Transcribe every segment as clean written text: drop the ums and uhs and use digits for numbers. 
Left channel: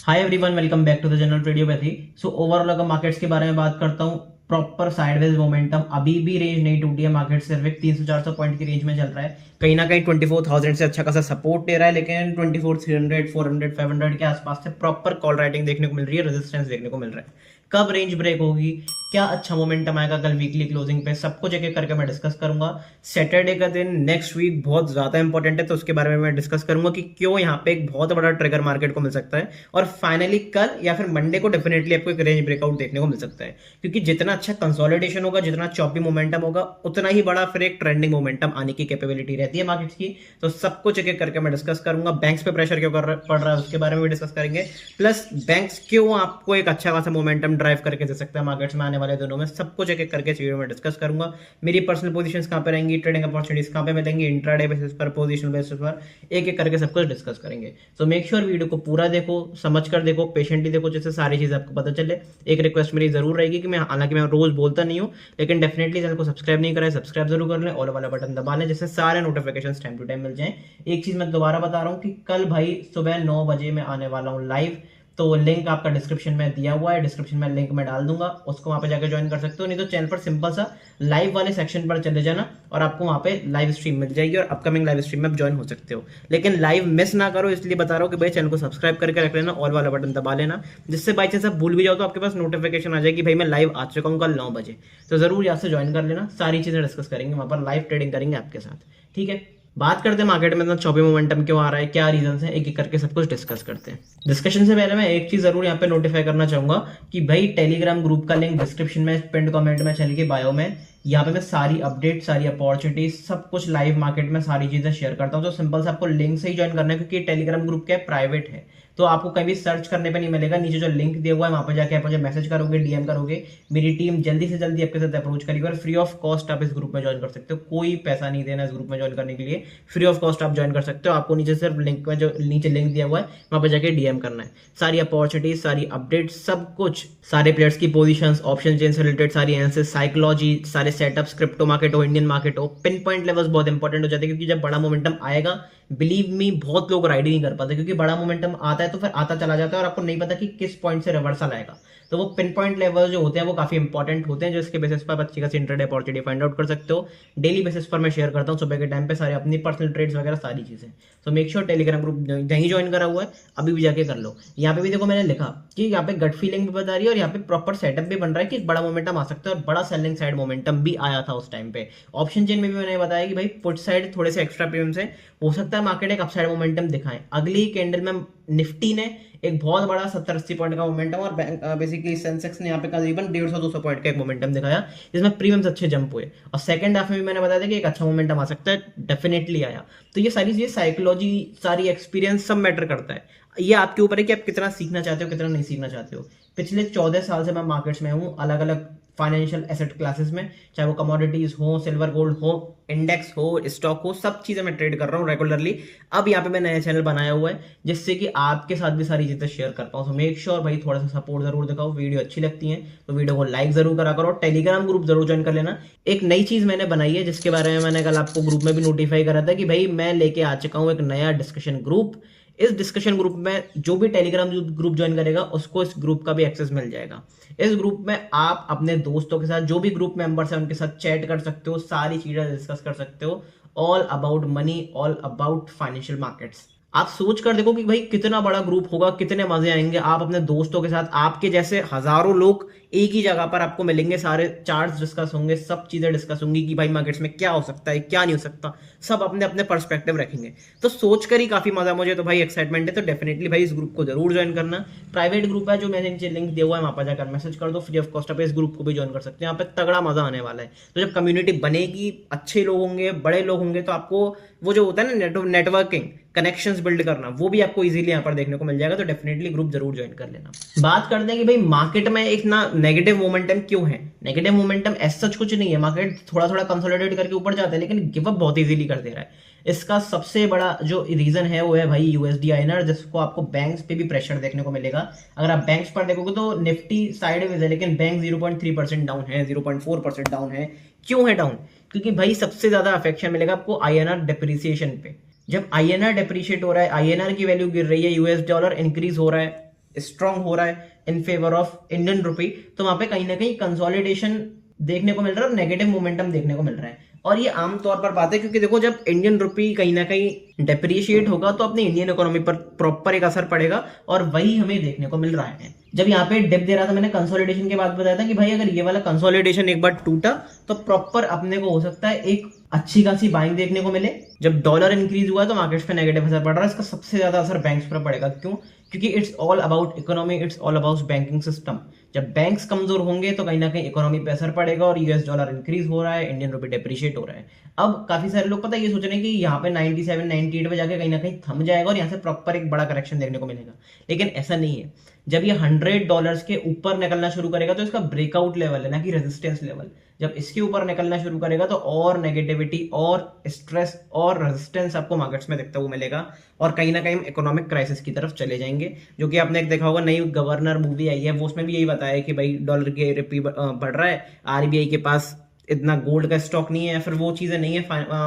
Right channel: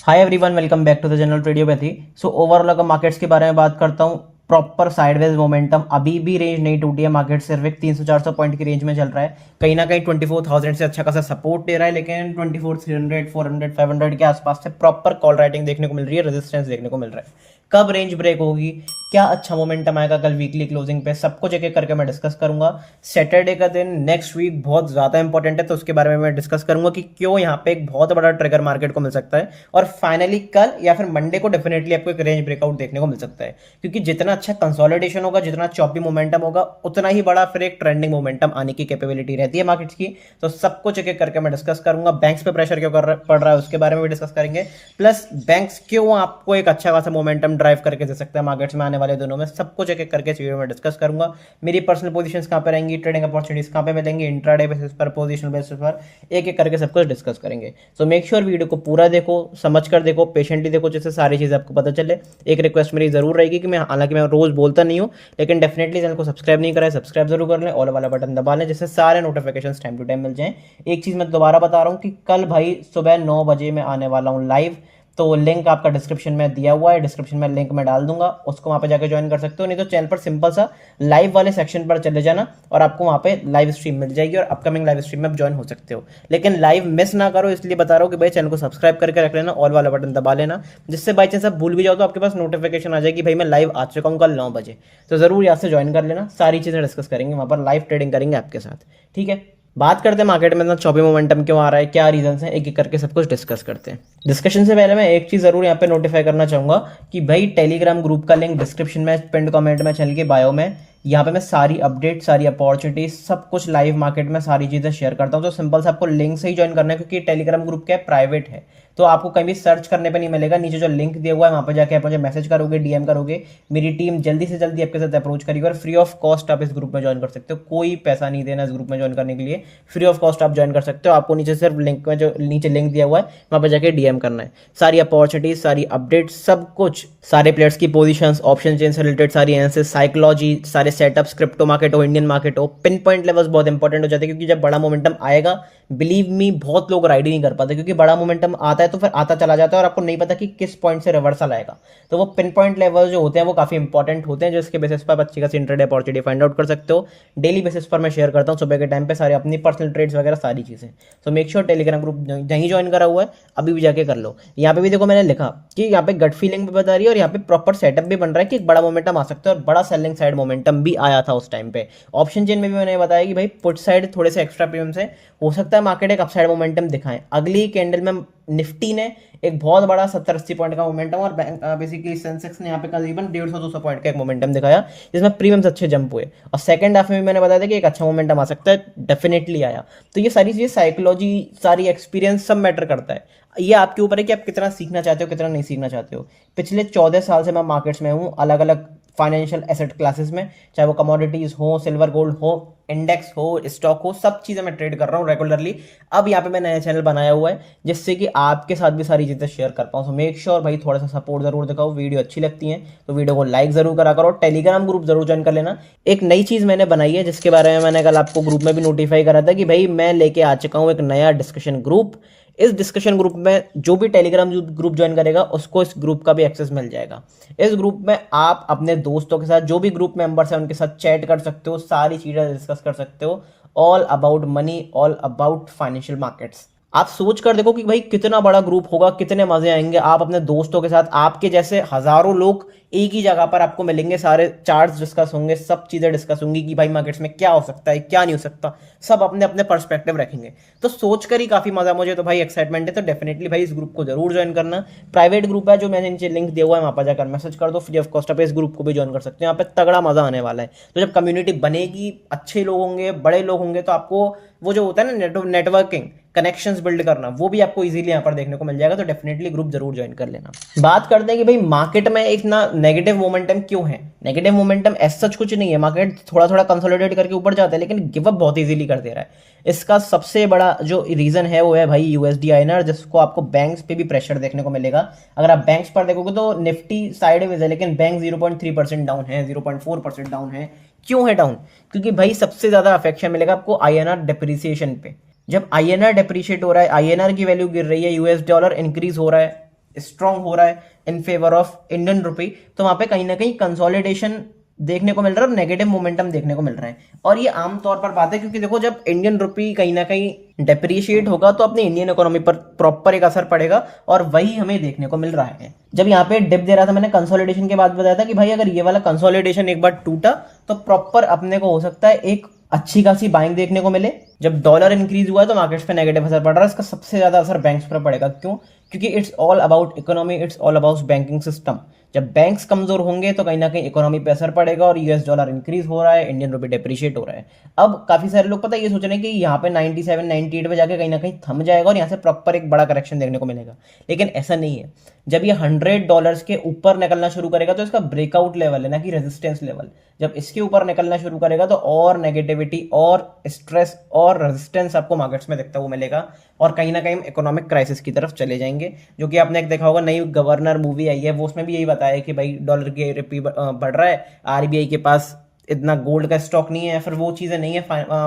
Hi everyone, welcome back to the general radiopathy. So overall अगर markets के बारे में बात करता हूँ, प्रॉपर साइडवेज मोमेंटम, अभी भी रेंज नहीं टूटी है। मार्केट सिर्फ एक 300-400 पॉइंट की रेंज में चल रहा है। कहीं ना कहीं 24,000 से अच्छा खासा सपोर्ट दे रहा है, लेकिन 24,300, 400, 500 के आसपास से प्रॉपर कॉल राइटिंग देखने को मिल रही है, रेजिस्टेंस देखने को मिल रहा है। कब रेंज ब्रेक होगी, क्या अच्छा मोमेंटम आएगा कल वीकली क्लोजिंग पे, सब कुछ एक एक करके मैं डिस्कस करूंगा। सैटरडे का दिन नेक्स्ट वीक बहुत ज्यादा इंपॉर्टेंट है, तो उसके बारे में मैं डिस्कस करूंगा कि क्यों यहाँ पे एक बहुत बड़ा ट्रिगर मार्केट को मिल सकता है, और फाइनली कल या फिर मंडे को डेफिनेटली आपको एक रेंज ब्रेकआउट देखने को मिल सकता है। क्योंकि जितना अच्छा कंसोलिडेशन होगा, जितना चॉपी मोमेंटम होगा, उतना ही बड़ा फिर एक ट्रेंडिंग मोमेंटम आने की कैपेबिलिटी रहती है मार्केट्स की। तो सब कुछ एक एक करके मैं डिस्कस करूंगा। बैंक्स पे प्रेशर क्यों पड़ रहा है उसके बारे में भी डिस्कस करेंगे। प्लस बैंक्स क्यों आपको एक अच्छा खासा मोमेंटम ड्राइव करके दे सकता है मार्केट्स में आने वाले दिनों में, सब कुछ एक एक करके चीजों में डिस्कस करूंगा। मेरी पर्सनल पोजीशंस कहाँ पे रहेंगी, ट्रेडिंग अपॉर्चुनिटीज कहाँ पे मिलेंगी, इंट्राडे बेसिस पर, पोजीशन बेसिस पर, एक एक करके सब कुछ डिस्कस करेंगे। सो मेक श्योर वीडियो को पूरा देखो, समझ कर देखो, पेशेंटली देखो, जिससे सारी चीज़ आपको पता चले। एक रिक्वेस्ट मेरी जरूर रहेगी कि मैं, हालांकि मैं रोज बोलता नहीं हूँ, लेकिन डेफिनेटली चैनल को सब्सक्राइब नहीं करा है, सब्सक्राइब जरूर कर लें, ऑल वाला बटन दबा लें, जिससे सारे नोटिफिकेशन टाइम टू टाइम मिल जाएं। एक चीज़ मैं दोबारा बता रहा हूँ कि कल भाई सुबह 9 बजे मैं आने वाला हूँ लाइव। तो लिंक आपका डिस्क्रिप्शन में दिया हुआ है, डिस्क्रिप्शन में लिंक में डाल दूंगा, उसको वहां पे जाकर ज्वाइन कर सकते हो। नहीं तो चैनल पर सिंपल सा लाइव वाले सेक्शन पर चले जाना और आपको वहां पे लाइव स्ट्रीम मिल जाएगी, और अपकमिंग लाइव स्ट्रीम में आप ज्वाइन हो सकते हो। लेकिन लाइव मिस ना करो, इसलिए बता रहा हूँ कि भाई चैनल को सब्सक्राइब करके रख लेना, ऑल वाला बटन दबा लेना, जिससे बाई चांस आप भूल भी जाओ तो आपके पास नोटिफिकेशन आ जाएगी भाई मैं लाइव आ चुका हूँ कल 9 बजे। तो जरूर यहाँ से ज्वाइन कर लेना, सारी चीजें डिस्कस करेंगे वहां पर, लाइव ट्रेडिंग करेंगे आपके साथ। ठीक है, बात करते हैं मार्केट में इतना चौबी मोमेंटम क्यों आ रहा है, क्या रीजन है, एक एक करके सब कुछ डिस्कस करते हैं। डिस्कशन से पहले मैं एक चीज जरूर यहाँ पे नोटिफाई करना चाहूंगा कि भाई टेलीग्राम ग्रुप का लिंक डिस्क्रिप्शन में, पिंड कमेंट में, चैनल के बायो में, यहाँ पे मैं सारी अपडेट, सारी अपॉर्चुनिटीज, सब कुछ लाइव मार्केट में सारी चीजें शेयर करता हूँ। तो सिंपल से आपको लिंक से ही ज्वाइन करना है, क्योंकि टेलीग्राम ग्रुप क्या है, प्राइवेट है। तो आपको कहीं भी सर्च करने पे नहीं मिलेगा, नीचे जो लिंक दिया हुआ है वहां पर जाके आप मुझे मैसेज करोगे, डीएम करोगे, मेरी टीम जल्दी से जल्दी आपके साथ अप्रोच करेगी, और फ्री ऑफ कॉस्ट आप इस ग्रुप में ज्वाइन कर सकते हो। कोई पैसा नहीं देना इस ग्रुप में ज्वाइन करने के लिए, फ्री ऑफ कॉस्ट आप ज्वाइन कर सकते हो। आपको नीचे सिर्फ लिंक में, जो नीचे लिंक दिया हुआ है वहां पर जाके डीएम करना है। सारी अपॉर्चुनिटीज, सारी अपडेट, सब कुछ, सारे प्लेयर्स की पोजीशंस, ऑप्शन चेन से रिलेटेड सारी एनालिसिस, साइकोलॉजी, सारे सेटअप्स, क्रिप्टो मार्केट हो, इंडियन मार्केट हो, पिन पॉइंट लेवल्स बहुत इंपॉर्टेंट हो जाते हैं। क्योंकि जब बड़ा मोमेंटम आएगा, बिलीव मी, बहुत लोग राइड ही नहीं कर पाते, क्योंकि बड़ा मोमेंटम आता है तो फिर आता चला जाता है, और आपको नहीं पता कि किस पॉइंट से रिवर्सल आएगा। तो वो पिन पॉइंट लेवल जो होते हैं वो काफी इंपॉर्टेंट होते हैं, जिसके बेसिस पर आप अच्छी खासी इंट्राडे अपॉर्चुनिटी फाइंड आउट कर सकते हो। डेली बेसिस पर मैं शेयर करता हूँ सुबह के टाइम पे सारे अपनी पर्सनल ट्रेड्स वगैरह सारी चीजें। तो मेक श्योर टेलीग्राम ग्रुप नहीं ज्वाइन करा हुआ है अभी भी जाके कर लो। यहाँ पे भी देखो मैंने लिखा कि यहाँ पे गट फीलिंग भी बता रही है, और यहाँ पे प्रॉपर सेटअप भी बन रहा है कि बड़ा मोमेंटम आ सकता है, और बड़ा सेलिंग साइड मोमेंटम भी आया था उस टाइम पे। ऑप्शन चेन में भी मैंने बताया कि भाई पुट साइड थोड़े से एक्स्ट्रा प्रीमियम से हो सकता है मार्केट एक अपसाइड मोमेंटम दिखाए। अगली कैंडल में निफ्टी ने एक बहुत बड़ा 70-80 पॉइंट का मोमेंटम, और बेसिकली सेंसेक्स ने यहाँ पे करीबन 150-200 पॉइंट का एक मोमेंटम दिखाया, जिसमें प्रीमियम्स अच्छे जंप हुए। और सेकंड हाफ में भी मैंने बताया था कि एक अच्छा मोमेंटम आ सकता है, डेफिनेटली आया। तो ये सारी चीजें, साइकोलॉजी, सारी एक्सपीरियंस, सब मैटर करता है। ये आपके ऊपर है कि आप कितना सीखना चाहते हो, कितना नहीं सीखना चाहते हो। पिछले 14 साल से मैं मार्केट्स में हूँ, अलग अलग फाइनेंशियल एसेट क्लासेस में, चाहे वो कमोडिटीज हो, सिल्वर गोल्ड हो, इंडेक्स हो, स्टॉक हो, सब चीजें मैं ट्रेड कर रहा हूँ रेगुलरली। अब यहाँ पे मैं नया चैनल बनाया हुआ है, जिससे कि आपके साथ भी सारी चीजें शेयर कर पाऊँ। सो मेक श्योर भाई थोड़ा सा सपोर्ट जरूर दिखाओ, वीडियो अच्छी लगती है तो वीडियो को लाइक जरूर करा करो, टेलीग्राम ग्रुप जरूर ज्वाइन कर लेना। एक नई चीज मैंने बनाई है, जिसके बारे में मैंने कल आपको ग्रुप में भी नोटिफाई करा था कि भाई मैं लेके आ चुका हूँ एक नया डिस्कशन ग्रुप। इस डिस्कशन ग्रुप में जो भी टेलीग्राम ग्रुप ज्वाइन करेगा उसको इस ग्रुप का भी एक्सेस मिल जाएगा। इस ग्रुप में आप अपने दोस्तों के साथ, जो भी ग्रुप मेंबर्स हैं उनके साथ चैट कर सकते हो, सारी चीजें डिस्कस कर सकते हो, all about money, all about financial markets. आप सोच कर देखो कि भाई कितना बड़ा ग्रुप होगा, कितने मजे आएंगे। आप अपने दोस्तों के साथ, आपके जैसे हजारों लोग एक ही जगह पर आपको मिलेंगे, सारे चार्ट्स डिस्कस होंगे, सब चीजें डिस्कस होंगी कि भाई मार्केट्स में क्या हो सकता है, क्या नहीं हो सकता, सब अपने अपने पर्सपेक्टिव रखेंगे। तो सोचकर ही काफी मजा, मुझे तो भाई एक्साइटमेंट है। तो डेफिनेटली भाई इस ग्रुप को जरूर ज्वाइन करना। प्राइवेट ग्रुप है, जो मैंने नीचे लिंक दिया हुआ है, वहां पर जाकर मैसेज कर दो, फ्री ऑफ कॉस्ट आप इस ग्रुप को भी ज्वाइन कर सकते हो। यहाँ पे तगड़ा मजा आने वाला है। तो जब कम्युनिटी बनेगी, अच्छे लोग होंगे, बड़े लोग होंगे, तो आपको वो जो होता है ना नेटवर्किंग, कनेक्शंस बिल्ड करना, वो भी आपको इजीली यहाँ पर देखने को मिल जाएगा। तो डेफिनेटली ग्रुप जरूर ज्वाइन कर लेना। बात करते हैं कि भाई मार्केट में एक ना नेगेटिव मोमेंटम क्यों है। नेगेटिव मोमेंटम ऐसा कुछ नहीं है, मार्केट थोड़ा थोड़ा कंसोलिडेट करके ऊपर जाता है, लेकिन गिव अप बहुत इजीली कर दे रहा है। इसका सबसे बड़ा जो रीजन है वो है भाई यूएसडी आईएनआर, जिसको आपको बैंक्स पे भी प्रेशर देखने को मिलेगा। अगर आप बैंक्स पर देखोगे तो निफ्टी साइडवेज है, लेकिन बैंक 0.3% डाउन है, 0.4% डाउन है। क्यों है डाउन? क्योंकि भाई सबसे ज्यादा अफेक्शन मिलेगा आपको आईएनआर डिप्रिसिएशन पे। जब आईएनआर डिप्रिशिएट हो रहा है, आईएनआर की वैल्यू गिर रही है, यूएस डॉलर इंक्रीज हो रहा है, स्ट्रांग हो रहा है in favour of Indian rupee, तो वहां पे कहीं ना कहीं कंसोलिडेशन देखने को मिल रहा है और नेगेटिव मोमेंटम देखने को मिल रहा है। और ये आमतौर पर बात है, क्योंकि देखो जब इंडियन रुपी कहीं ना कहीं डेप्रिशिएट होगा तो अपने इंडियन इकोनॉमी पर प्रॉपर एक असर पड़ेगा, और वही हमें देखने को मिल रहा है। जब यहाँ पे डिप दे रहा था, मैंने कंसोलिडेशन के बाद बताया था कि भाई अगर ये वाला कंसोलिडेशन एक बार टूटा तो प्रॉपर अपने को हो सकता है एक अच्छी खासी बाइंग देखने को मिले। जब डॉलर इंक्रीज हुआ तो मार्केट्स पे नेगेटिव असर पड़ रहा है, इसका सबसे ज्यादा असर बैंक्स पर पड़ेगा। क्यों? क्योंकि it's all about economy, it's all about banking system. जब बैंक्स कमजोर होंगे तो कहीं ना कहीं इकोनॉमी पे असर पड़ेगा, और यूएस डॉलर इंक्रीज हो रहा है, इंडियन रुपी डेप्रिशिएट हो रहा है। अब काफी सारे लोग पता है ये सोच रहे हैं कि यहाँ पे 97 98 पे जाके कहीं ना कहीं थम जाएगा और यहाँ से प्रॉपर एक बड़ा करेक्शन देखने को मिलेगा, लेकिन ऐसा नहीं है। जब ये $100 के ऊपर निकलना शुरू करेगा तो इसका ब्रेकआउट लेवल है, ना कि रेजिस्टेंस लेवल। जब इसके ऊपर निकलना शुरू करेगा तो और नेगेटिविटी और स्ट्रेस और रेजिस्टेंस आपको मार्केट्स में देखता हुआ मिलेगा, और कहीं ना कहीं इकोनॉमिक क्राइसिस की तरफ चले जाएंगे। जो कि आपने एक देखा होगा, नई गवर्नर मूवी आई है, वो उसमें भी यही बताया है कि भाई डॉलर की रिपी बढ़ रहा है, आरबीआई के पास इतना गोल्ड का स्टॉक नहीं है, या फिर वो चीज़ें नहीं है,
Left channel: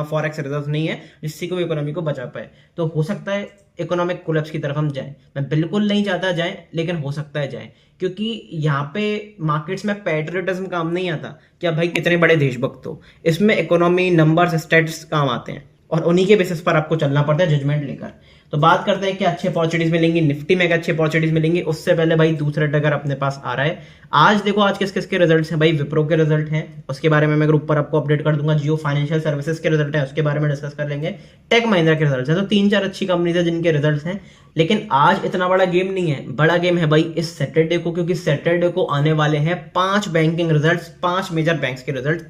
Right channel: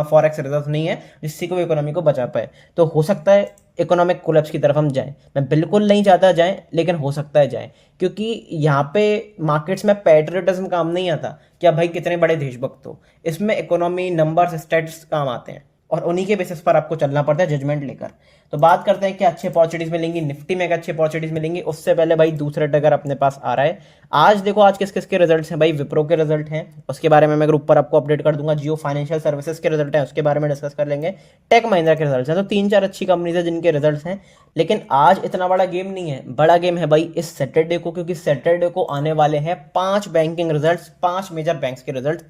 फॉरेक्स रिजर्व नहीं है जिससे कोई इकोनॉमी को बचा पाए। तो हो सकता है इकोनॉमिक कोलैप्स की तरफ हम जाएं। मैं बिल्कुल नहीं चाहता जाएं, लेकिन हो सकता है जाएं, क्योंकि यहाँ पे मार्केट्स में पैट्रियटिज्म काम नहीं आता कि आप भाई कितने बड़े देशभक्त हो। इसमें इकोनॉमी, नंबर्स, स्टैट्स काम आते हैं, और उन्हीं के बेसिस पर आपको चलना पड़ता है जजमेंट लेकर। तो बात करते हैं कि अच्छी अपॉर्चुनिटीज मिलेंगी, निफ्टी में अच्छी अपॉर्चुनिटीज मिलेंगी। उससे पहले भाई दूसरा ट्रिगर अपने पास आ रहा है। आज देखो आज किस किस के रिजल्ट्स हैं भाई, विप्रो के रिजल्ट हैं, उसके बारे में मैं ग्रुप पर आपको अपडेट कर दूंगा। जियो फाइनेंशियल सर्विसेज के रिजल्ट हैं, उसके बारे में डिस्कस कर लेंगे। टेक महिंद्रा के रिजल्ट्स हैं। तो 3-4 अच्छी कंपनीज है जिनके रिजल्ट्स हैं, लेकिन आज इतना बड़ा गेम नहीं है। बड़ा गेम है भाई इस सैटरडे को, क्योंकि सैटरडे को आने वाले हैं 5 बैंकिंग रिजल्ट्स, 5 मेजर बैंक्स के रिजल्ट,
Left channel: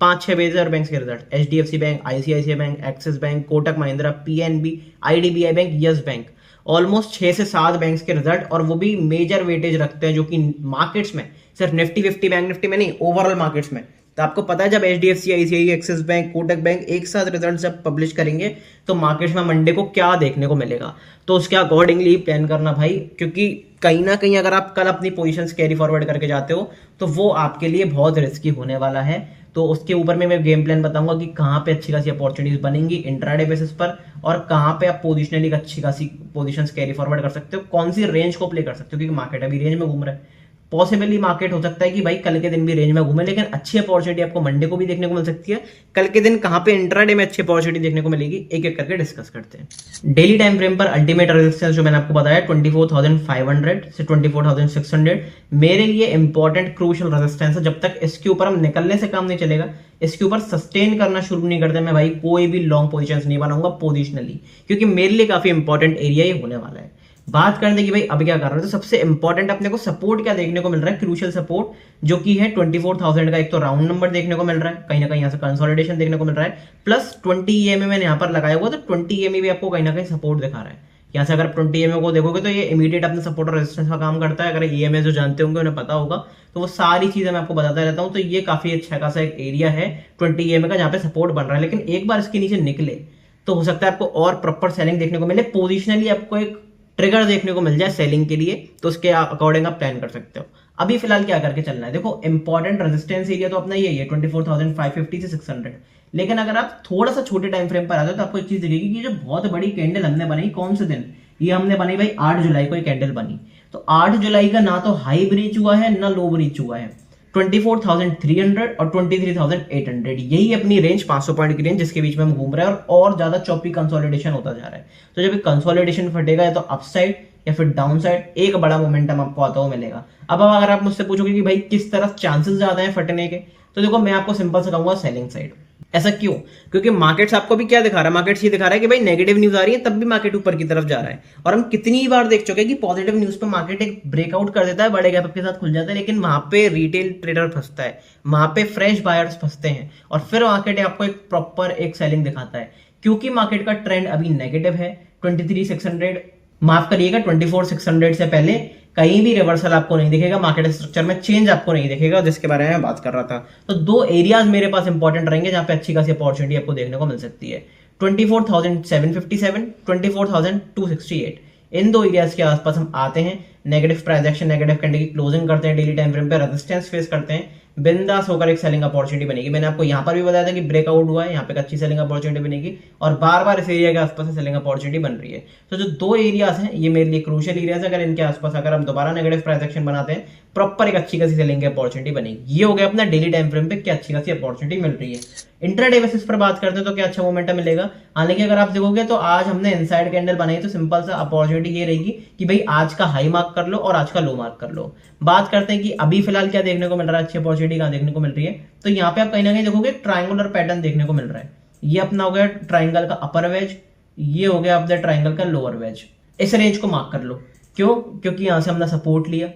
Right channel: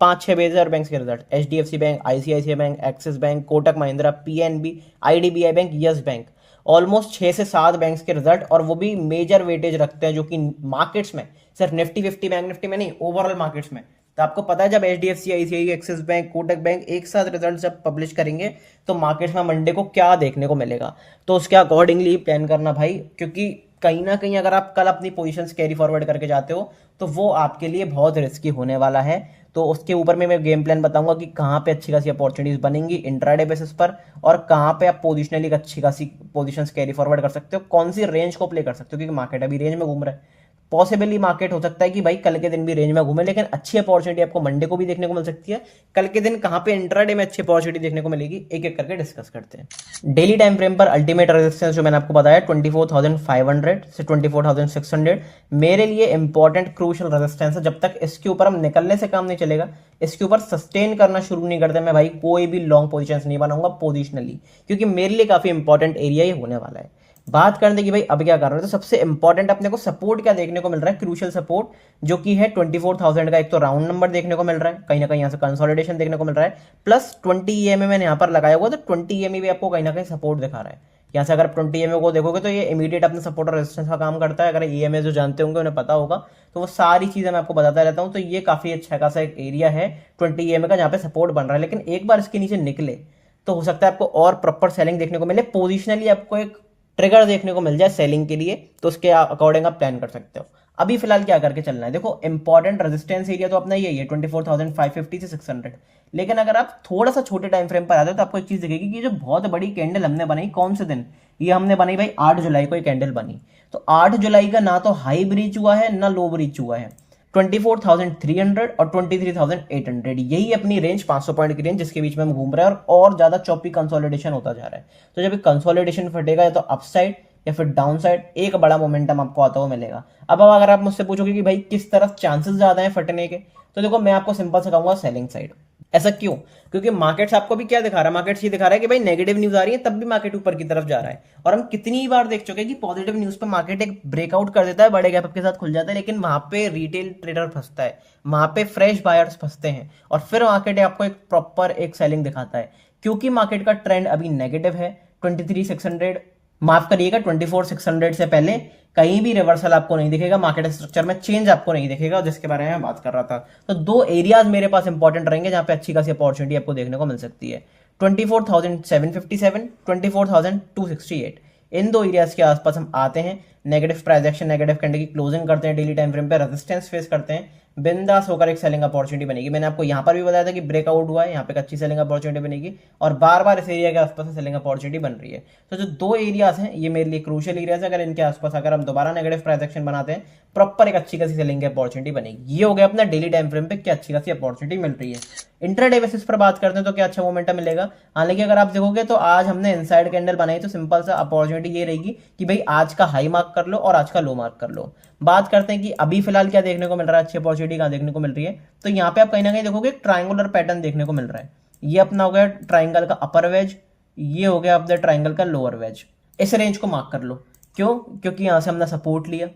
5-6 मेजर बैंक्स के result. HDFC bank, ICICI bank, axis bank, Kotak Mahindra, PNB, IDBI bank, yes bank. Almost 6 से 7 बैंक्स के रिजल्ट, और वो भी मेजर वेटेज रखते हैं, जो कि मार्केट्स में सिर्फ निफ्टी 50 बैंक निफ्टी में नहीं, ओवरऑल मार्केट्स में। तो आपको पता है जब HDFC, ICI, axis bank, Kotak bank एक साथ रिजल्ट जब पब्लिश करेंगे तो मार्केट्स में मंडे को क्या देखने को मिलेगा, तो उसके अकॉर्डिंगली प्लान करना भाई। क्योंकि कहीं ना कहीं अगर आप कल अपनी पोजीशंस कैरी फॉरवर्ड करके जाते हो तो वो आपके लिए बहुत रिस्की होने वाला है। तो उसके ऊपर में मैं गेम प्लान बताऊंगा कि कहाँ पे अच्छी खासी अपॉर्चुनिटीज बनेंगी इंट्राडे बेसिस पर, और कहाँ पे आप पोजिशनली अच्छी खासी पोजीशंस कैरी फॉरवर्ड कर सकते हो, कौन सी रेंज को प्ले कर सकते हो, क्योंकि मार्केट अभी रेंज में घूम रहा है। पॉसिबली मार्केट हो सकता है कि भाई कल के दिन भी रेंज में घूमे, लेकिन अच्छी अपॉर्चुनिटी आपको मंडे को भी देखने को मिल सकती है। कल के दिन कहां पे इंट्राडे में अच्छी अपॉर्चुनिटी देखने को मिलेगी, एक एक करके डिस्कस करते हैं। डेली टाइम फ्रेम पर अल्टीमेट रेजिस्टेंस जो मैंने आपको बताया 24,500 से 24,600 मेरे लिए इंपॉर्टेंट क्रूशियल रेजिस्टेंस है। जब तक इसके ऊपर हम निकलने से काम नहीं चलेगा, इसके ऊपर सस्टेन करना शुरू नहीं करते, मैं भाई कोई भी लॉन्ग पोजीशंस नहीं बनाऊंगा पोजिशनली, क्योंकि मेरे लिए काफी इंपॉर्टेंट एरिया ये होने वाला है। बात करते हैं कि भाई अब क्या कर रहे हैं, तो सबसे इंपॉर्टेंट अपने को सपोर्ट क्या देखने को मिल रहा है, क्रूशियल सपोर्ट, जो कि है 24,000 का एक तो राउंड नंबर देखने को मिल रहा है, कहीं ना कहीं यहाँ से कंसोलिडेशन देखने को मिल रहा है, प्लस 20 EMA मैंने यहाँ पर लगाया हुआ, तो 20 EMA भी आपको कहीं ना कहीं सपोर्ट दिखा रहा है। यहाँ से अगर 20 EMA को देखोगे तो ये इमीडिएट अपने सपोर्ट और रेजिस्टेंस का काम करता है। अगर EMA जो जानते होंगे उन्हें पता होगा, तो वो सारी चीजें मैं आपको बताता रहता हूँ। तो ये काफी अच्छा खासा एक एरिया है 20 EMA का, जहाँ पे सपोर्ट बन रहा है। लेकिन एक बार इसके नीचे निकले तो हो सकता है आपको और प्रॉपर सेलिंग देखने को मिले, पोजिशनली आपको एक ट्रिगर देखने को मिल जाए सेलिंग के लिए, तो उसके अकॉर्डिंग आप प्लान कर सकते हो। अभी फिलहाल क्या करके चलना है, देखो इंपॉर्टेंट रेजिस्टेंस एरिया तो अपना यही है 24,550 से 600। लेकिन अगर आप थोड़ा सा छोटे टाइम फ्रेम पर आते हो तो आपको एक चीज दिखेगी कि जो बहुत बड़ी कैंडल हमने बनाई, कौन से दिन ये हमने बनाई भाई, 8 जुलाई को ये कैंडल बनी। तो 8 जुलाई का ना तो हाई ब्रीच हुआ है ना लो ब्रीच हुआ है, 24,300 और 23,800 यही अपनी रेंज, 500 पॉइंट की रेंज जिसके बीच में हम घूम रहे हैं, और ज्यादा चॉपी कंसोलिडेशन होता जा रहा है। तो जब कंसोलिडेशन फटेगा या तो अपसाइड या फिर डाउन साइड, एक बड़ा मोमेंटम आपको आता हुआ मिलेगा। अब अगर आप मुझसे पूछोगे कि भाई किस तरफ चांसेस ज्यादा है फटने के, तो देखो मैं आपको सिंपल से कहूंगा सेलिंग साइड। ऐसा क्यों? क्योंकि मार्केट्स आपको भी क्या दिखा रहा है, मार्केट्स ये दिखा रहा है कि भाई नेगेटिव न्यूज आ रही है तब भी मार्केट ऊपर की तरफ जा रहा है। और हम कितनी बार देख चुके हैं कि पॉजिटिव न्यूज पे मार्केट एक ब्रेकआउट कर देता है, बड़े गैप के साथ खुल जाता है, लेकिन वहां पे रिटेल ट्रेडर फंसता है, वहां पे फ्रेश बायर्स फंसते हैं, और फिर मार्केट आपको एक प्रॉपर एक सेलिंग दिखाता है। क्योंकि मार्केट का ट्रेंड अभी नेगेटिव है, 23,600 माफ करिएगा 24,600 से पहले कहीं भी रिवर्सल आपको नहीं दिखेगा, मार्केट स्ट्रक्चर में चेंज आपको नहीं दिखेगा, जिसके बारे में मैं बात कर रहा था। तो 2 एरियाज मेरे पास इंपॉर्टेंट रहेंगे जहां पे अच्छी खासी अपॉर्चुनिटी आपको देखने को मिल सकती है, 24,757, 24,268। इन 2 एरियाज के आसपास हम आते हैं, negative price action, negative candle की क्लोजिंग करते हैं, डेली टाइम फ्रेम पे रेजिस्टेंस फेस करते हैं, बिंदास होकर एक सेलिंग अपॉर्चुनिटी बनेगी। मैंने आपको यहाँ पर भी बताया था कि ब्रेकआउट हुआ है, यहाँ पे एक अच्छी सेलिंग अपॉर्चुनिटी बनेगी और बार बार इस एरिया के आसपास सेलिंग अपॉर्चुनिटी बन रही है। तो जो दो एरियाज हैं ये मेरे लिए क्रूशियल एरियाज है, अगर इनके आसपास अगर हम दोबारा नेगेटिव प्राइस एक्शन बनाते हैं प्रॉपर एक अच्छी खासी सेलिंग की अपॉर्चुनिटी बनेगी। ये हो गया अपना डेली टाइम फ्रेम पे क्या अच्छी खासी अपॉर्चुनिटी मिल रही है। इंट्राडे बेसिस पर बात करते हैं तो क्या अच्छा मोमेंटम मिलेगा। हालांकि अगर आप देखोगे तो आज हमने इनसाइड कैंडल बनाई तो सिंपल सा अपॉर्चुनिटी ये रहेगी कि भाई आज का हाई मार्क कर लो और आज का लो मार्क कर लो। बात करते हैं कि अभी फिलहाल क्या देखने को मिल रहा है, अच्छी अपॉर्चुनिटी कहां देखने को मिल रही है। तो यहाँ पे आप कहीं ना कहीं देखोगे ट्राइंगुलर पैटर्न देखने को मिल रहा है। ये अपना हो गया ट्राइंगल का अपर वेज, ये हो गया अपने ट्राइंगल का लोअर वेज। इस रेंज को मार्क कर लो। क्यों? क्योंकि यहां से हमने सपोर्ट लिया,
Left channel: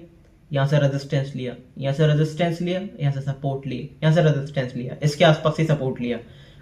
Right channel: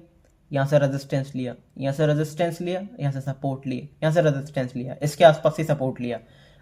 यहाँ से रेजिस्टेंस लिया, यहाँ से रेजिस्टेंस लिया, यहाँ से सपोर्ट लिए, यहाँ से रेजिस्टेंस लिया, इसके आसपास ही सपोर्ट लिया।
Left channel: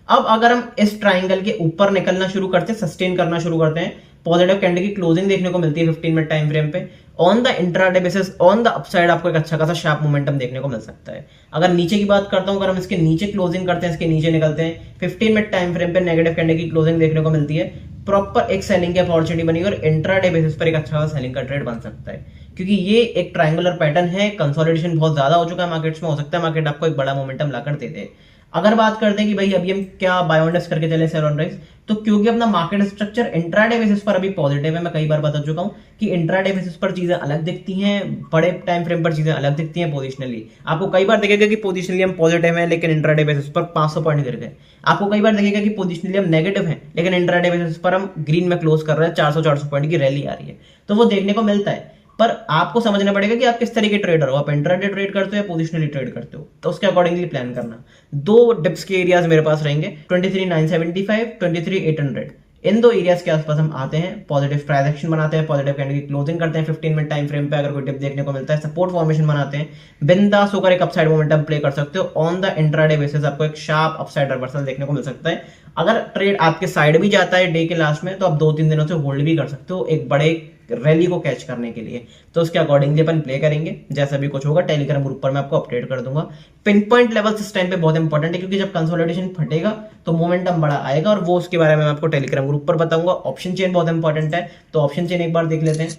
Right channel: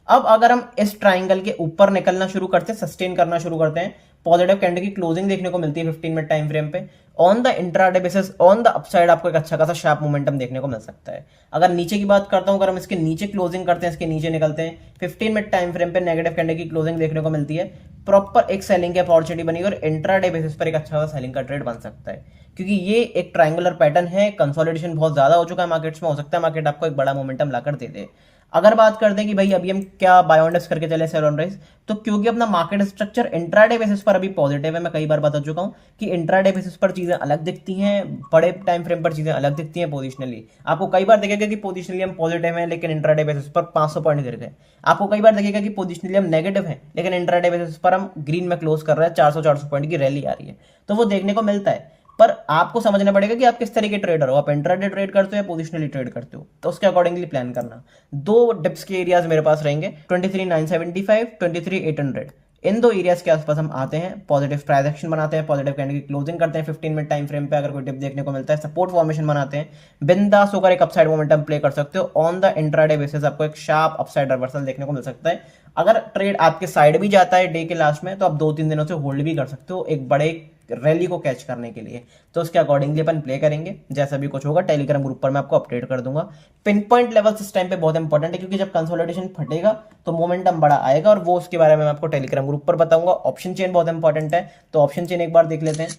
अब अगर हम इस ट्राइंगल के ऊपर निकलना शुरू करते हैं, सस्टेन करना शुरू करते हैं, पॉजिटिव कैंडल की क्लोजिंग देखने को मिलती है 15 मिनट टाइम फ्रेम पे, on the intraday basis on the upside आपको एक अच्छा खासा शार्प मोमेंटम देखने को मिल सकता है। अगर नीचे की बात करता हूं, अगर हम इसके नीचे क्लोजिंग करते हैं, इसके नीचे निकलते हैं, 15 मिनट टाइम फ्रेम पे नेगेटिव कैंडल की क्लोजिंग देखने को मिलती है, प्रॉपर एक सेलिंग की अपॉर्चुनिटी बनी और इंट्राडे बेसिस पर एक अच्छा खासा सेलिंग का ट्रेड बन सकता है। क्योंकि ये एक ट्रायंगुलर पैटर्न है, कंसोलिडेशन बहुत ज्यादा हो चुका है मार्केट्स में, हो सकता है मार्केट आपको एक बड़ा मोमेंटम लाकर दे दे। अगर बात करते हैं कि भाई अभी हम क्या बाय ऑन डिप्स करके चले सेल ऑन राइज, तो क्योंकि अपना मार्केट स्ट्रक्चर इंट्राडे बेसिस पर अभी पॉजिटिव है, मैं कई बार बता चुका हूं कि इंट्राडे बेसिस पर चीजें अलग दिखती हैं, बड़े टाइम फ्रेम पर चीजें अलग दिखती हैं पोजिशनली। आपको कई बार दिखेगा कि पोजिशनली हम पॉजिटिव हैं लेकिन इंट्राडे बेसिस पर 500 पॉइंट गिर गए। आपको कई बार दिखेगा कि पोजिशनली हम नेगेटिव हैं लेकिन इंट्राडे बेसिस पर हम ग्रीन में क्लोज कर रहे हैं, 400 पॉइंट की रैली आ रही है। तो वो देखने को मिलता है, पर आपको समझना पड़ेगा कि आप किस तरह के ट्रेडर हो, आप इंट्राडे ट्रेड करते हो या पोजिशनली ट्रेड करते हो, तो उसके अकॉर्डिंगली प्लान करना। दो डिप्स के एरियाज मेरे पास रहेंगे 23,975, 23,800। इन दो एरियाज के आसपास हम आते हैं, पॉजिटिव प्राइस एक्शन बनाते हैं, पॉजिटिव कैंडल की क्लोजिंग करते हैं 15 मिनट टाइम फ्रेम पे। अगर कोई डिप देखने को मिलता है, सपोर्ट फॉर्मेशन बनाते हैं, बिंदास होकर एक अपसाइड मोमेंटम प्ले कर सकते हो। ऑन द इंट्राडे बेसिस आपको एक शार्प अपसाइड रिवर्सल देखने को मिल सकता है। अगर ट्रेड आपके साइड भी जाता है डे के लास्ट में, तो आप 2-3 दिनों से होल्ड भी कर सकते हो एक बड़े रैली को कैच करने के लिए। तो उसके अकॉर्डिंगली अपन प्ले करेंगे, जैसा भी कुछ होगा टेलीग्राम ग्रुप पर मैं आपको अपडेट कर दूंगा। पिन पॉइंट लेवल्स इस टाइम पे बहुत इंपॉर्टेंट है, क्योंकि जब कंसोलिडेशन फटेगा तो मोमेंटम बड़ा आएगा और वो उसके बारे में मैं आपको टेलीग्राम ग्रुप पर बताऊंगा। ऑप्शन चेन बहुत इंपॉर्टेंट है, तो ऑप्शन चेन एक बार देख लेते हैं।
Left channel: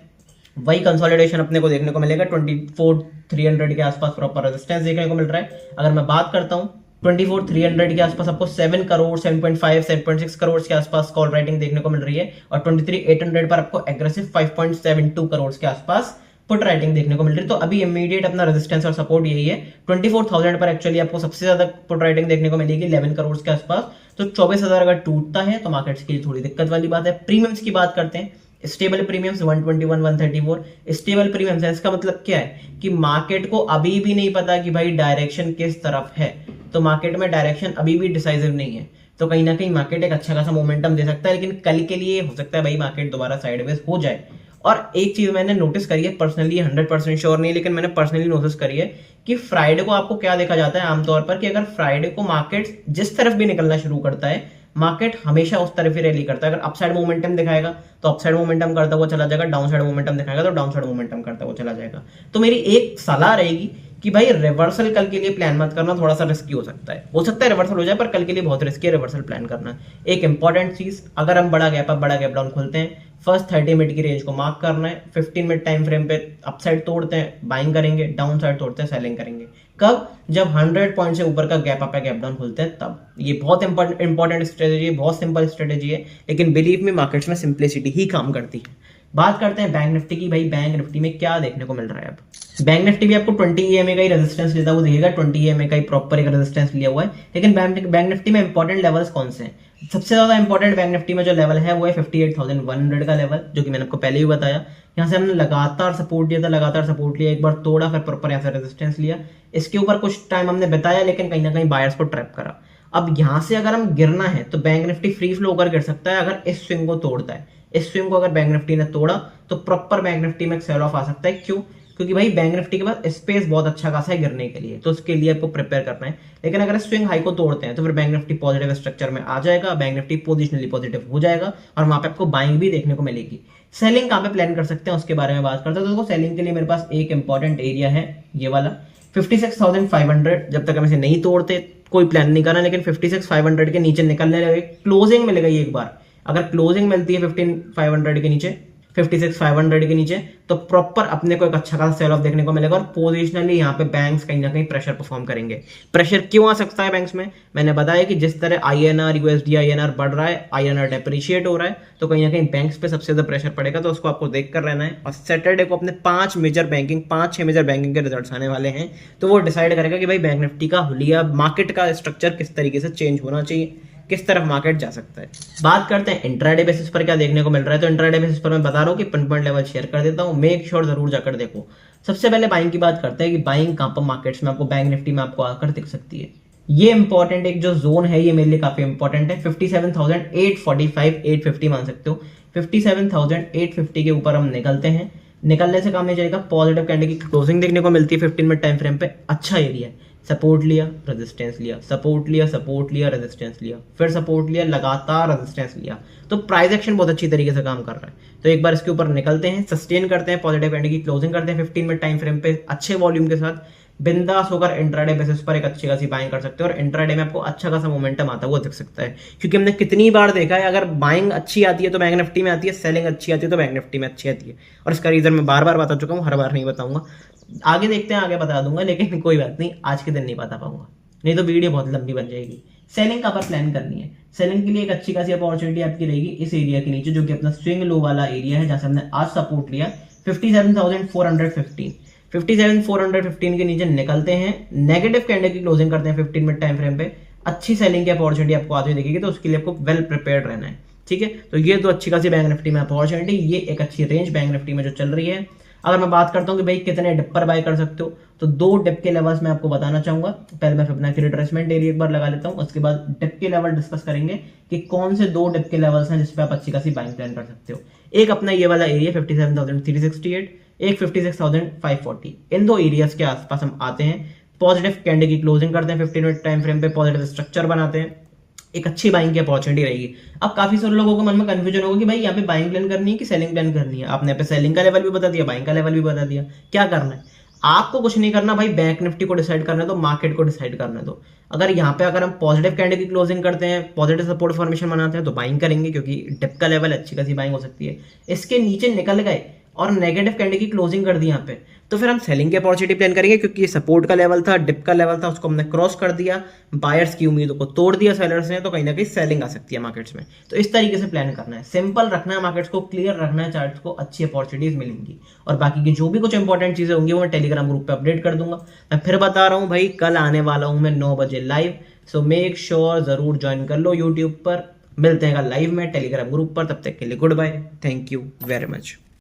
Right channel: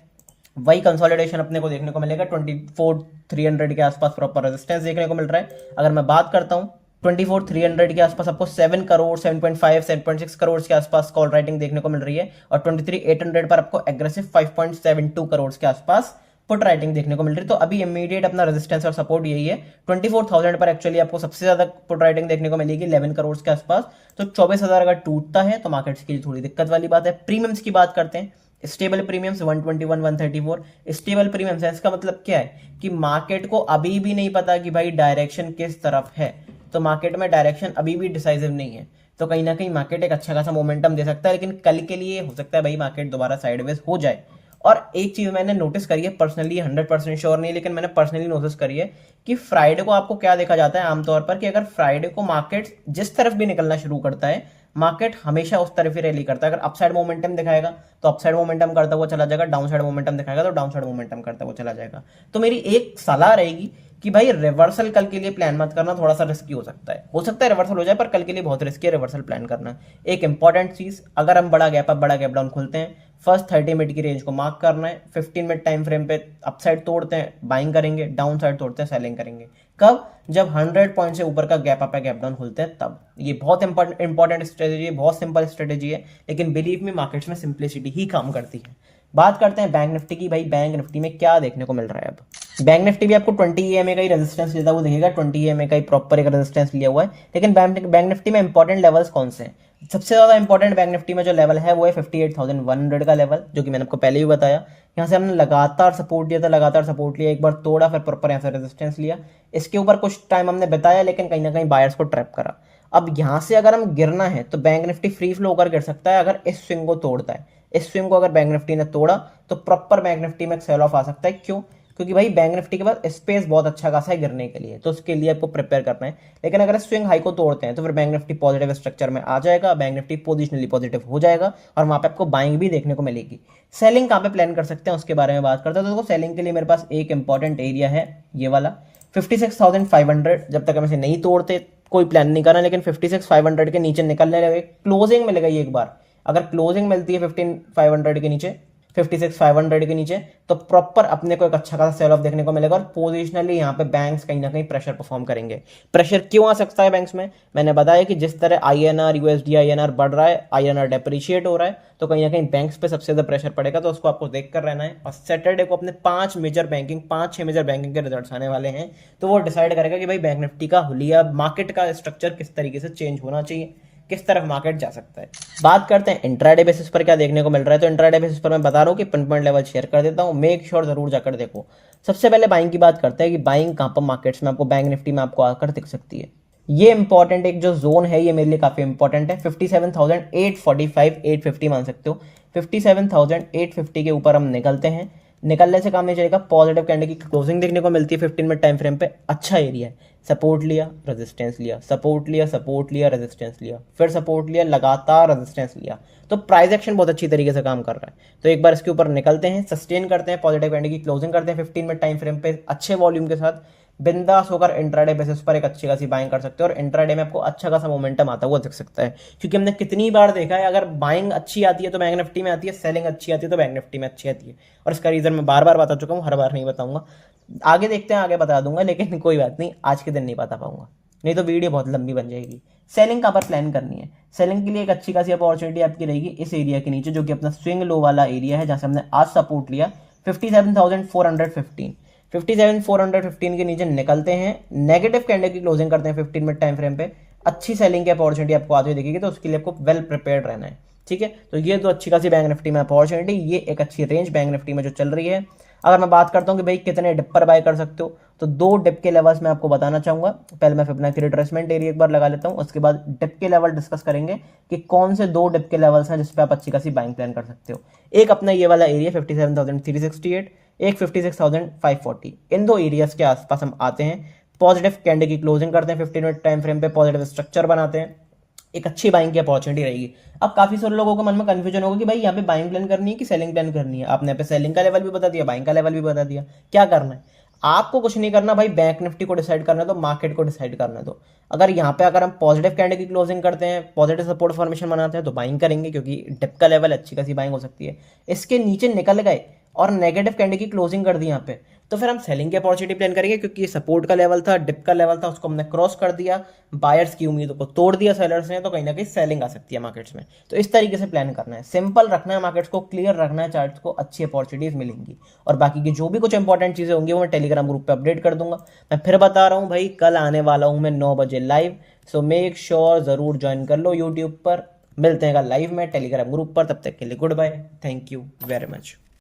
वही कंसोलिडेशन अपने को देखने को मिलेगा 24,300 के आसपास प्रॉपर रेजिस्टेंस देखने को मिल रहा है। अगर मैं बात करता हूं 24,300 के आसपास आपको 7 करोड़ 7.5 7.6 करोड़ के आसपास कॉल राइटिंग देखने को मिल रही है और 23,800 पर आपको एग्रेसिव 5.72 करोड़ के आसपास पुट राइटिंग देखने को मिल रही है। तो अभी इमीडिएट अपना रेजिस्टेंस और सपोर्ट यही है। 24,000 पर एक्चुअली आपको सबसे ज्यादा पुट राइटिंग देखने को मिलेगी 11 करोड़ के आसपास। तो 24,000 अगर टूटता है तो मार्केट्स के लिए थोड़ी दिक्कत वाली बात है। प्रीमियम्स की बात करते हैं, स्टेबल प्रीमियम्स 121 134। स्टेबल प्रीमियम्स है, इसका मतलब क्या है कि मार्केट को अभी भी नहीं पता कि भाई डायरेक्शन किस तरफ है, तो मार्केट में डायरेक्शन अभी भी डिसाइसिव नहीं है। तो कहीं ना कहीं मार्केट एक अच्छा खासा मोमेंटम दे सकता है, लेकिन कल के लिए हो सकता है भाई मार्केट दोबारा साइडवेज हो जाए। और एक चीज मैंने नोटिस करी है, पर्सनली 100% श्योर नहीं, लेकिन मैंने पर्सनली नोटिस करी है कि फ्राइडे को आपको क्या देखा जाता है आमतौर पर, कि अगर फ्राइडे को मार्केट जिस तरफ भी निकलना शुरू करता है, मार्केट हमेशा उस तरफ ही रैली करता है। अगर अपसाइड मोमेंटम दिखाएगा तो अपसाइड मोमेंटम करता हुआ चला जाएगा, डाउन साइड मोमेंटम दिखाएगा तो डाउन साइड मोमेंटम करता हुआ चला जाएगा। तो मेरी एक सलाह रहेगी कि भाई रिवर्सल कल के लिए प्लान मत करना, थोड़ा सा रिस्की हो सकता है रिवर्सल हो जाए, पर कल के लिए बहुत रिस्की है रिवर्सल प्लान करना। एक इंपॉर्टेंट चीज, अगर हम बड़ा गैप अप बड़ा गैप डाउन खुलते हैं, फर्स्ट 30 मिनट की रेंज को मार्क करना है। 15 मिनट टाइम फ्रेम पे अपसाइड तोड़ते हैं बाइंग करेंगे, डाउन साइड तोड़ते हैं सेलिंग करेंगे। कब? जब 100 पॉइंट से ऊपर का गैप अप है गैप डाउन खुलते हैं तब। ये बहुत इंपॉर्टेंट स्ट्रेटेजी है, बहुत सिंपल स्ट्रेटेजी है, लेकिन बिलीव में मार्केट्स में सिंप्लिसिटी ही काम करती है। बात करते हैं बैंक निफ्टी की। भाई बैंक निफ्टी में क्या देखने को मिल रहा है अब? बैंक निफ्टी भी आपको 20 EMA का ही रेजिस्टेंस लेता हुआ दिखेगा, 20 EMA का ही प्रॉपर एक रेजिस्टेंस लिया हुआ है। लेकिन बैंक निफ्टी में इंपॉर्टेंट लेवल्स कौन से हैं? सबसे ज्यादा इंपॉर्टेंट बैंक निफ्टी में जो लेवल है वो है 58,100 का लेवल, जो कि मैंने आपको पहले भी बताया। यहाँ से हमने लगातार सपोर्ट दिया था, लगातार सपोर्ट लिया, एक बार तोड़ा, फिर प्रॉपर यहाँ से रेजिस्टेंस लिया। इसके ऊपर कुछ टाइम हमने बताया, लेकिन कहीं ना कहीं बायर्स को ट्रैप करा। अब यहाँ से अगर हम गिरना है तो बैंक निफ्टी फ्री फ्लो होकर गिर सकता है अगर इस स्विंग को तोड़ता है। इस स्विंग को अगर बैंक निफ्टी ने तोड़ा तो प्रॉपर बैंक निफ्टी में सेल ऑफ आ सकता है। क्यों? क्योंकि भाई बैंक निफ्टी के पास स्पेस बहुत अच्छा खासा है गिरने के लिए, तो उसके लिए आपको प्रिपेयर करना है। लेकिन अगर स्विंग हाई को तोड़ते हैं तो फिर बैंक निफ्टी पॉजिटिव स्ट्रक्चर में आ जाएगा, बैंक निफ्टी पोजिशनली पॉजिटिव हो जाएगा और वहां पे आपको बाइंग भी देखने को मिलेगी। सेलिंग कहां पे प्लान कर सकते हैं उसके बारे में बात करते हैं। तो देखो सेलिंग के लिए मेरे पास एक इंपॉर्टेंट एरिया है ये वाला 56,500। जब तक हम इसे नहीं तोड़ते कोई प्लान नहीं करना, लेकिन 56,500 के नीचे निकलने लगे, क्लोजिंग मिलेगा ये एक बार। अगर क्लोजिंग मिलती है 15,500 के नीचे, 56,500 के नीचे, तो प्रॉपर अपने को एक अच्छा खासा सेल ऑफ देखने को मिलेगा और पोजिशनली यहाँ पे बैंक्स कहीं ना कहीं प्रेशर परफॉर्म करेंगे। प्रेशर क्यों आ सकता है बैंक्स में? मैंने बताया कि जिस तरह INR USD INR बढ़ रहा है, INR डेप्रिशिएट हो रहा है, तो कहीं ना कहीं बैंक्स पे सबसे ज्यादा प्रेशर पड़ेगा, तो उसको आपको देख कर रहना है। और सैटरडे को अपने 5-6 मेजर बैंकिंग के रिजल्ट्स आने वाले हैं, तो वो डिसाइड करेगा कि भाई बैंक निफ्टी का हुलिया मार्केट का स्ट्रक्चर किस तरीके से चेंज होना चाहिए, किस तरफ मार्केट जा सकता है। बात करते हैं इंट्राडे बेसिस पर क्या देखने को मिल रहा है। तो इंट्राडे बेसिस पर मैं बता रहा हूँ कि पिन पॉइंट लेवल शेयर कर देता हूँ, मेक श्योर जरूर जाकर देखो। सबसे पहले बाइंग की बात करते हैं कि बाइंग कहाँ पर मार्केट्स में आपको बैंक निफ्टी में आपको आकर दिख सकती है। ये इंपॉर्टेंट एक जो जोन है, ये मेरे लिए काफी इंपॉर्टेंट है। 57,845 850 मान सकते हो। 57,850 के ऊपर हम निकलते हैं, निकलने से काम नहीं चलेगा। पॉजिटिव कैंडल की क्लोजिंग देखने को मिलती है 15 मिनट टाइम फ्रेम पे, अच्छा एरिया है। सपोर्ट लिया, रेजिस्टेंस लिया, सपोर्ट लिया, सपोर्ट लिया, रेजिस्टेंस लिया, फिर सपोर्ट लिया, लगातार रेजिस्टेंस लिया, तो प्राइस एक्शन बहुत अच्छी तरीके से काम कर रहा है। तो एक बार इसके ऊपर निकलते हैं, सस्टेन करते हैं, पॉजिटिव कैंडल की क्लोजिंग करते हैं 15 मिनट टाइम फ्रेम पे अच्छे वॉल्यूम के साथ, बिंदास होकर इंट्राडे बेसिस पर एक अच्छी खासी बाइंग कर सकते हो। और इंट्राडे में आपको अच्छा खासा मोमेंटम आता हुआ दिख सकता है, क्योंकि हमने कितनी बार देखा है, अगर बाइंग अच्छी आती है तो बैंक निफ्टी में आती है, सेलिंग अच्छी आती है तो बैंक निफ्टी में अच्छी आती है। और इसका रीजन मैं बार बार बता चुका हूँ, हर बार नहीं बताऊंगा, आगे देखते हैं, आगे बता दूंगा, लेकिन कोई बात नहीं, आज के दिन नहीं बता पाऊंगा, नहीं तो वीडियो बहुत लंबी बन जाएगी। सेलिंग कहाँ पर प्लान करनी है? सेलिंग के लिए एक अच्छी खासी अपॉर्चुनिटी आपकी रहेगी इस एरिया के नीचे, जो कि अपना स्विंग लो वाला एरिया है, जहां से हमने आज सपोर्ट लिया 57,415। 57,415 के नीचे निकलते हैं, नेगेटिव कैंडल की क्लोजिंग करते हैं 15 मिनट टाइम फ्रेम पे, अच्छी सेलिंग की अपॉर्चुनिटी आपको आती हुई दिखेगी, तो उसके लिए आपको वेल प्रिपेयर्ड रहना है। ठीक है, तो ये तो अच्छी खासी बैंक निफ्टी में अपॉर्चुनिटी, ये एक अच्छी रेंज बैंक निफ्टी में जो चल रही है। अगर मैं बात करता हूँ कि भाई कितने डिप पर बाय कर सकते हो, तो 2 डिप के लेवल्स मैं आपको बताना चाहूंगा। पहले मैं फिबोनाची रिट्रेसमेंट एरिया एक बार लगा लेता हूँ, उसके बाद डिप के लेवल डिस्कस करेंगे कि कौन से 2 डिप के लेवल्स हैं जिसपे आप अच्छी खासी बाइंग प्लान कर सकते हो। एक अपना ये वाला एरिया 57,368, एक 56,540, इन 2 एरियाज के आसपास हम आते हैं, पॉजिटिव कैंडल की क्लोजिंग करते हैं 15 मिनट टाइम फ्रेम पे, पॉजिटिव स्ट्रक्चर बनाते हैं, एक अच्छी बाइंग की अपॉर्चुनिटी रहेगी। अब काफी सारे लोगों को मन में कंफ्यूजन होगा कि भाई यहाँ पे बाइंग प्लान करनी है कि सेलिंग प्लान करनी है। आपने यहाँ पे सेलिंग का लेवल भी बता दिया, बाइंग का लेवल भी बता दिया, क्या करना है आपको? कुछ नहीं करना भाई, बैंक निफ्टी को डिसाइड करना है तो मार्केट को डिसाइड करना है। तो अगर यहाँ पे अगर हम पॉजिटिव कैंडल की क्लोजिंग करते हैं, पॉजिटिव सपोर्ट फॉर्मेशन बनाते हैं, तो बाइंग करेंगे, क्योंकि डिप का लेवल अच्छी खासी बाइंग हो सकती है। इसके नीचे निकल गए और नेगेटिव कैंडल की क्लोजिंग कर दी यहाँ पे, तो फिर हम सेलिंग की अपॉर्चुनिटी प्लान करेंगे, क्योंकि ये सपोर्ट का लेवल था, डिप का लेवल था, उसको हमने क्रॉस कर दिया, बायर्स की उम्मीदों को तोड़ दिया सेलर्स ने, तो कहीं ना कहीं सेलिंग आ सकती है मार्केट्स में। तो इस तरीके से प्लान करना है, सिंपल रखना है मार्केट्स को, क्लियर रखना है चार्ट्स को, अच्छी अपॉर्चुनिटीज मिलेंगी। और बाकी की जो भी कुछ इंपॉर्टेंट चीजें होंगी वो मैं टेलीग्राम ग्रुप पे अपडेट कर दूंगा। मैं फिर बता रहा हूँ भाई, कल आने वाला हूँ मैं 9 बजे लाइव, सो मेक श्योर जरूर ज्वाइन कर लो यूट्यूब पर। मिलते हैं कल लाइव में टेलीग्राम ग्रुप पर, तब तक के लिए goodbye, thank you very much.